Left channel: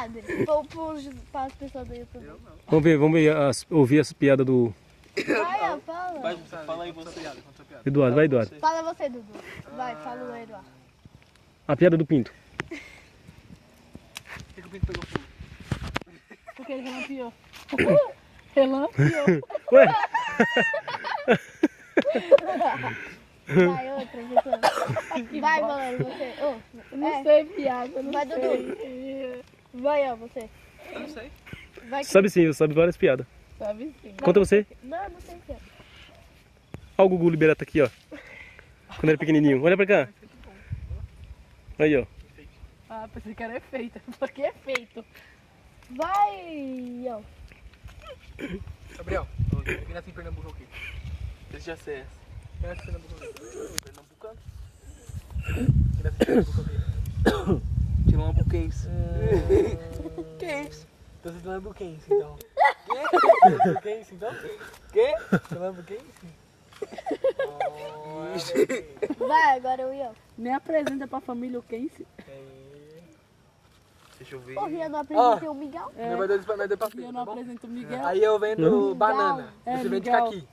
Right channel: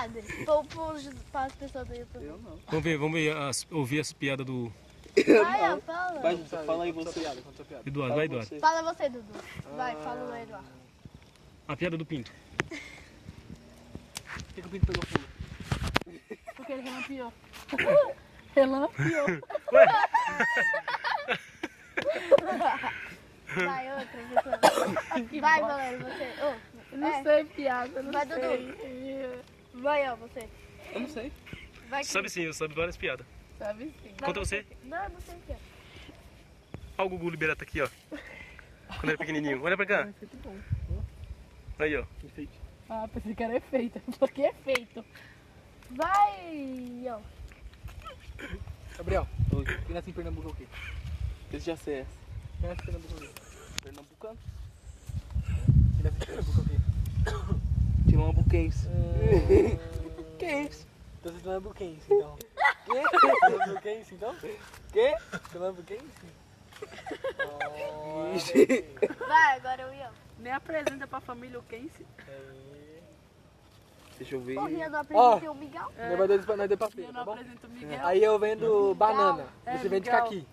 padre? Para as pessoas do YouTube. Eu não. Vamos ver ouvir as piadas do Vai, ó, fala. Vai, fala aí Conta você. piada, conta piada. Eduardo. Vai, Eduardo. Fala você, Dudu. Vai, fala o Eduardo. A piada do Pinto. Por que o pinto pegou fogo? Porque ele relampiou. Relampiou. Ué? Vai, outra, você. Vai, Valério, você. Oh, Não sei piada, não Vai, sei. Dudu. Vai, ó, você. Eu não sei. Vai, Sabe sim, eu sabe várias piadas. Sabe sim. Conta você. Não sei o que é. Olha o Gugu Liberato aqui, ó. Quando era pequenininho. Olha pra cá. Aí, ó. Ah, pensei que era efeito. Porque é feito. Vai, ó. Gabriel, quem nasce em Pernambuco é o quê? Eu já sei essa. Quem nasce em Pernambuco é o quê? Pernambucano. Quem nasce em Pernambuco é o quê? Tilambuquense. Tilambuquense. Então você é tilambuquense, então. Quê? Tilambuquense, então? Quê? Tilambuquense? Vai, agora eu ia. Nem apresenta pra família o Kense. Deixa eu ver. Porra, não apresentei o Miguel? Não vai dar pra Eu frente, não tá bom? apresento o Miguel. Aí eu vendo banana, É, você vende Miguel. caqui.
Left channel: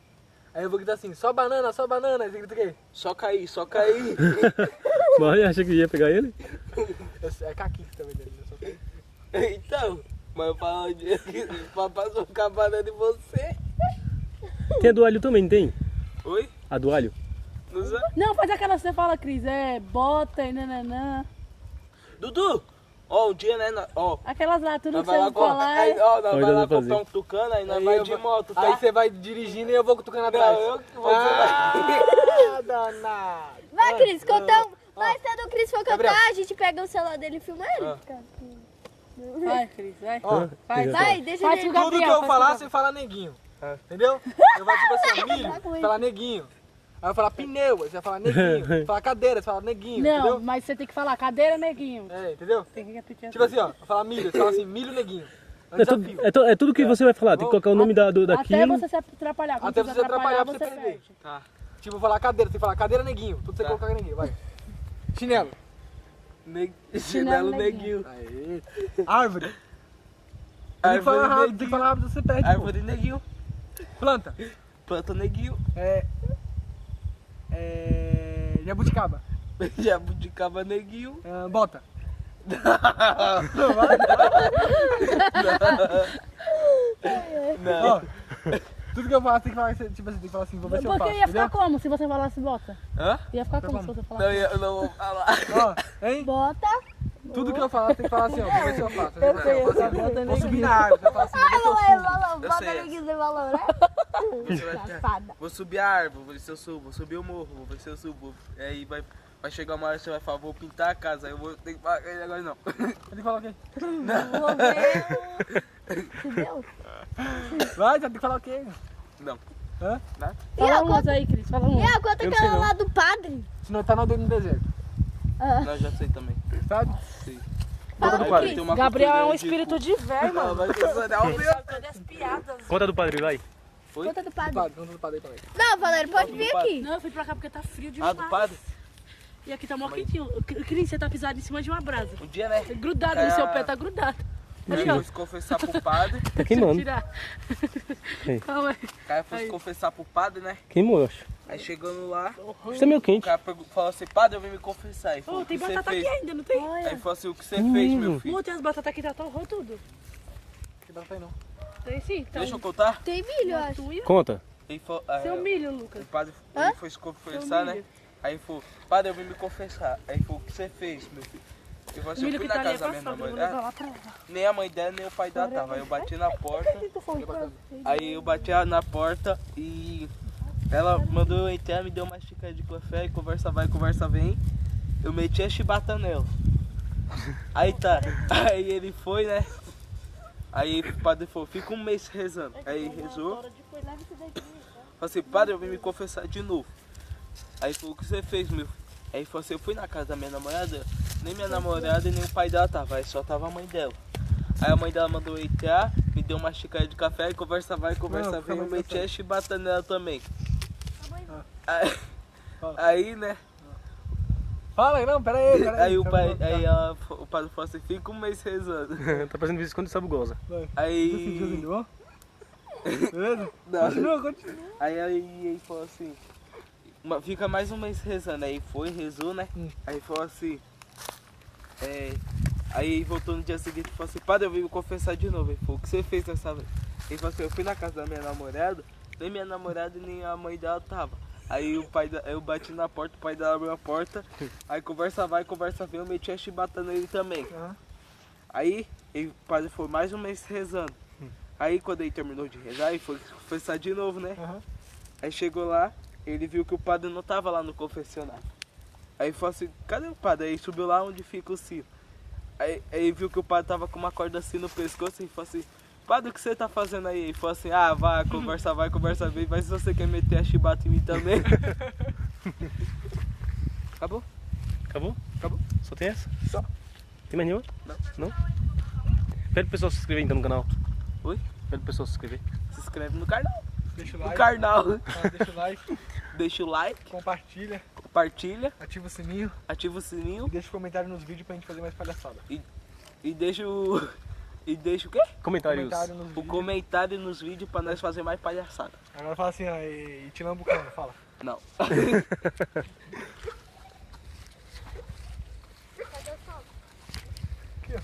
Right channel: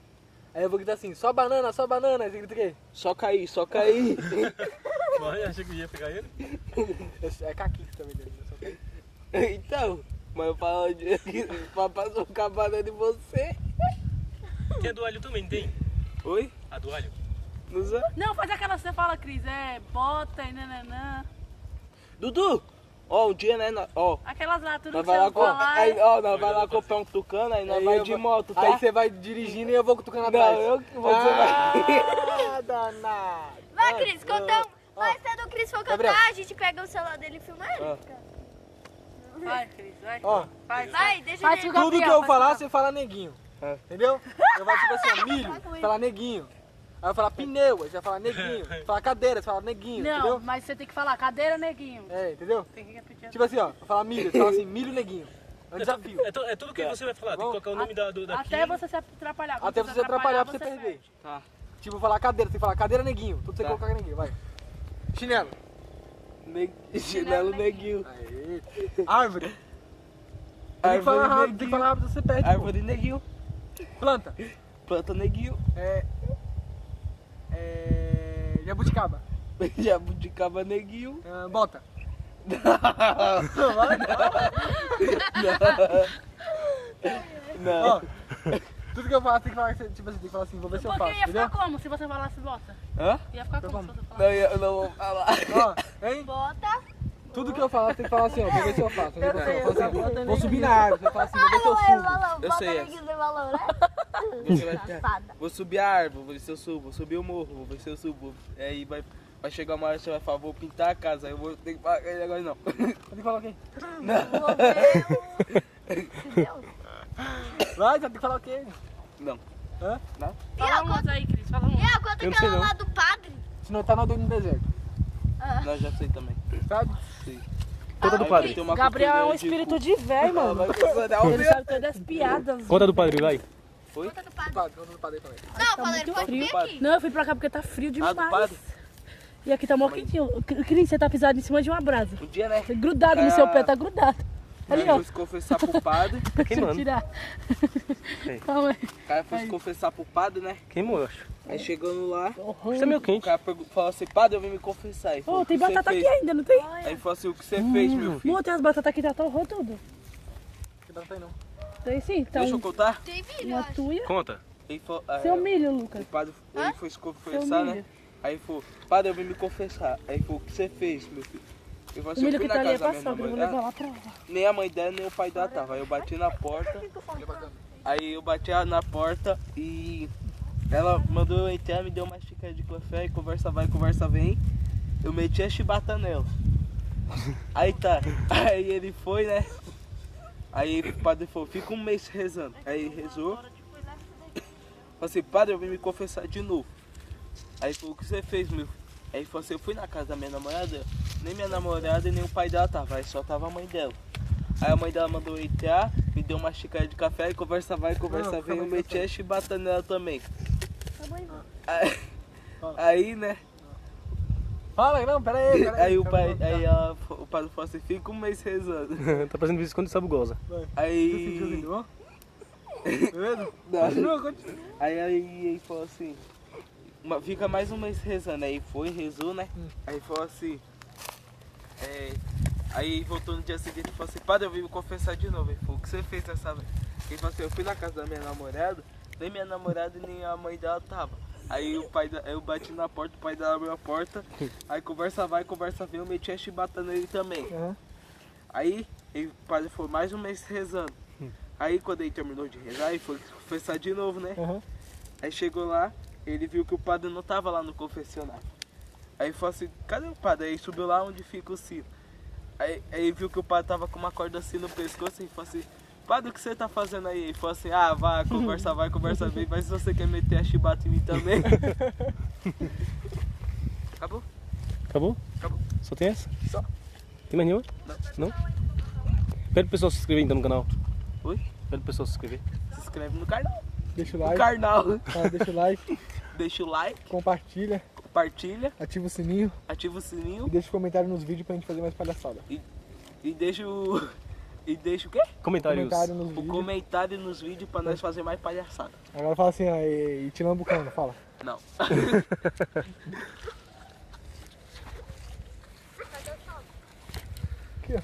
Aí eu vou gritar assim, só banana, só banana. Aí você grita o quê? Só cair, só cair. Mas acha que ia pegar ele? É caqui que você tá vendendo, né? Só caqui. Então, mas eu falo de papai socar banana em você. Tem a do alho também, tem? Oi? A do alho. Não sei. Não, faz aquela que você fala, Cris. É bota e nananã. Dudu, ó, um dia, né, ó. Aquelas lá, tudo Nós que vai você lá, falar. aí, ó, nós Pode vai lá fazer. comprar um tucano, aí nós Aí vai eu de vou- moto, tá? Aí você vai dirigindo e eu vou cutucando Não, atrás. eu que vou Ah, danado. Vai, Cris, contão. Vai, quando o Cris for Gabriel. cantar, a gente pega o celular dele e filma ele. Vai, Cris, vai. Ó, Vai, Vai, deixa Faz ele. o tudo que Gabriel, eu faz falar, o você fala neguinho. Entendeu? Eu vou tipo assim, ó, milho, falar neguinho. Aí eu falar pneu, aí você vai falar neguinho. Falar cadeira, você fala neguinho, Não, entendeu? mas você tem que falar cadeira, neguinho. É, entendeu? Tem que repetir. Tipo assim, ó, eu falar milho, você fala assim, milho neguinho. É um desafio. É tudo que você vai falar. Tem que colocar o nome daquilo. Até você se atrapalhar. Quando Até você se atrapalhar pra você perde. perder. Tá. Tipo, falar cadeira, você tem que falar cadeira neguinho. Tudo você Tá. colocar neguinho, vai. Chinelo. Chinelo neguinho. Aê. Árvore. Tem que falar rápido, tem que falar rápido, você perde. pô. Árvore neguinho. Planta. Planta neguinho. Jabuticaba. Jabuticaba neguinho. Bota. Não. Ó, tudo que eu faço tem que falar, tipo assim, tem que falar assim, vou ver se eu Porque faço, ia ficar entendeu? como se você falasse bota? Hã? Ia ficar como se como? você Não, falasse? eu não vou falar. Ó, hein? Bota. Tudo que eu falar tem que falar assim, ó, vou ver se eu faço. Eu sei, Vou eu subir na árvore, você fala assim, vou ver se eu subo. Valor, Eu bota sei neguinho de valor, né? Você vai Safada. Vou subir a árvore, vou ver se eu subo. Vou subir o morro, vou ver se eu subo. Aí vai chegar uma hora que você vai falar, vou pintar a casa. Aí eu vou ter que falar, aí agora não. Ele fala o quê? Vou ver. Entendeu? Vai, você tem que falar o quê? Não. Hã? Fala umas aí, Cris. Fala E umas. a conta Eu não aquela sei, não. lá do padre? Se não tá no deserto, Não, já sei também. sabe? Sei. Conta do Aí padre. tem uma Gabriel é um cultura de espírito de velho, Ela mano. vai concordar. Ele sabe todas as piadas. Conta do padre, vai. Foi? Conta do Do padre. padre, conta do padre aí também. Não, Valério, pode vir aqui. Não, eu fui pra cá porque tá frio Ah, demais. do padre? E aqui tá mó quentinho. Cris, você tá pisado em cima de uma brasa. Um dia, né? Grudado no seu pé, tá grudado. O cara foi se confessar pro padre. Tá Deixa eu queimando. tirar. Sim. Calma aí. O cara foi se confessar pro padre, né? Queimou, eu acho. Aí chegando lá, Isso é meio o quente. cara falou assim, padre, eu vim me confessar. Ele falou, Ô, "O tem que você batata fez?" aqui ainda, não tem? Aí ele falou assim, o que você fez, meu filho? Não, tem as batatas aqui, já torrou tudo. Que batata aí não. Tem sim, tá. Deixa eu contar? Tem milho, eu Uma acho. tuia. Conta. Ele falou, Seu milho, o Lucas. padre ele foi se confessar, né? milho. Aí ele falou, padre, eu vim me confessar. Aí ele falou, o que você fez, meu filho? Ele falou O assim, eu milho fui que na tá ali é casa da pra minha sogra, eu vou levar namorada. lá pra lá. Nem a mãe dela, nem o pai dela tava. Aí eu bati na porta. Aí eu bati na porta e ela mandou eu entrar, me deu uma xícara de café e conversa vai, conversa vem. Eu meti a chibata nela. Aí tá. Aí ele foi, né? Aí o padre falou, fica um mês rezando. Aí ele rezou. Falei assim, padre, eu vim me confessar de novo. Aí falou, o que você fez, meu? Aí ele falou assim, eu fui na casa da minha namorada, nem minha namorada e nem o pai dela tava, aí só tava a mãe dela. Aí a mãe dela mandou eu entrar, me deu uma xícara de café e conversa vai, conversa vem, eu meti a chibata nela também. Aí, né, Fala, não, pera aí. Aí o pai, o padre falou assim, fica um mês rezando. Tá fazendo vídeo quando sabugosa. Aí... Beleza? Não. Continua. Aí ele falou assim, fica mais um mês rezando. Aí foi, rezou, né? Aí falou assim, aí voltou no dia seguinte e falou assim, padre, eu vim me confessar de novo. Ele falou, o que você fez nessa noite? Ele falou assim, eu fui na casa da minha namorada, nem minha namorada nem a mãe dela tava. Aí eu bati na porta, o pai dela abriu a porta, aí conversa vai, conversa vem, eu meti a chibata nele também. Aí o padre foi mais um mês rezando. Aí quando ele terminou de rezar, ele foi confessar de novo, né? Aí chegou lá, ele viu que o padre não tava lá no confessionário. Aí falou assim, cadê o padre? Aí subiu lá onde fica o sino. Aí ele viu que o padre tava com uma corda assim no pescoço e falou assim, padre, o que você tá fazendo aí? Ele falou assim, vai, conversa bem, mas se você quer meter a chibata em mim também. Acabou? Acabou? Acabou. Só tem essa? Só. Tem mais nenhuma? Não. Não? Pede pro pessoal se inscrever então no canal. Oi? Pede pro pessoal se inscrever. Se inscreve no canal. Deixa o No like. canal. Deixa o like. Deixa o like, Compartilha. compartilha, Ativa o sininho. ativa o sininho E deixa um comentário nos vídeos pra gente fazer mais palhaçada. e deixa o... E deixa o quê? Comentários. Comentário nos O vídeos. comentário nos vídeos pra nós fazer mais palhaçada. Agora fala assim, ó, e te lambucando, fala. Não. Cadê o sol? Aqui, ó.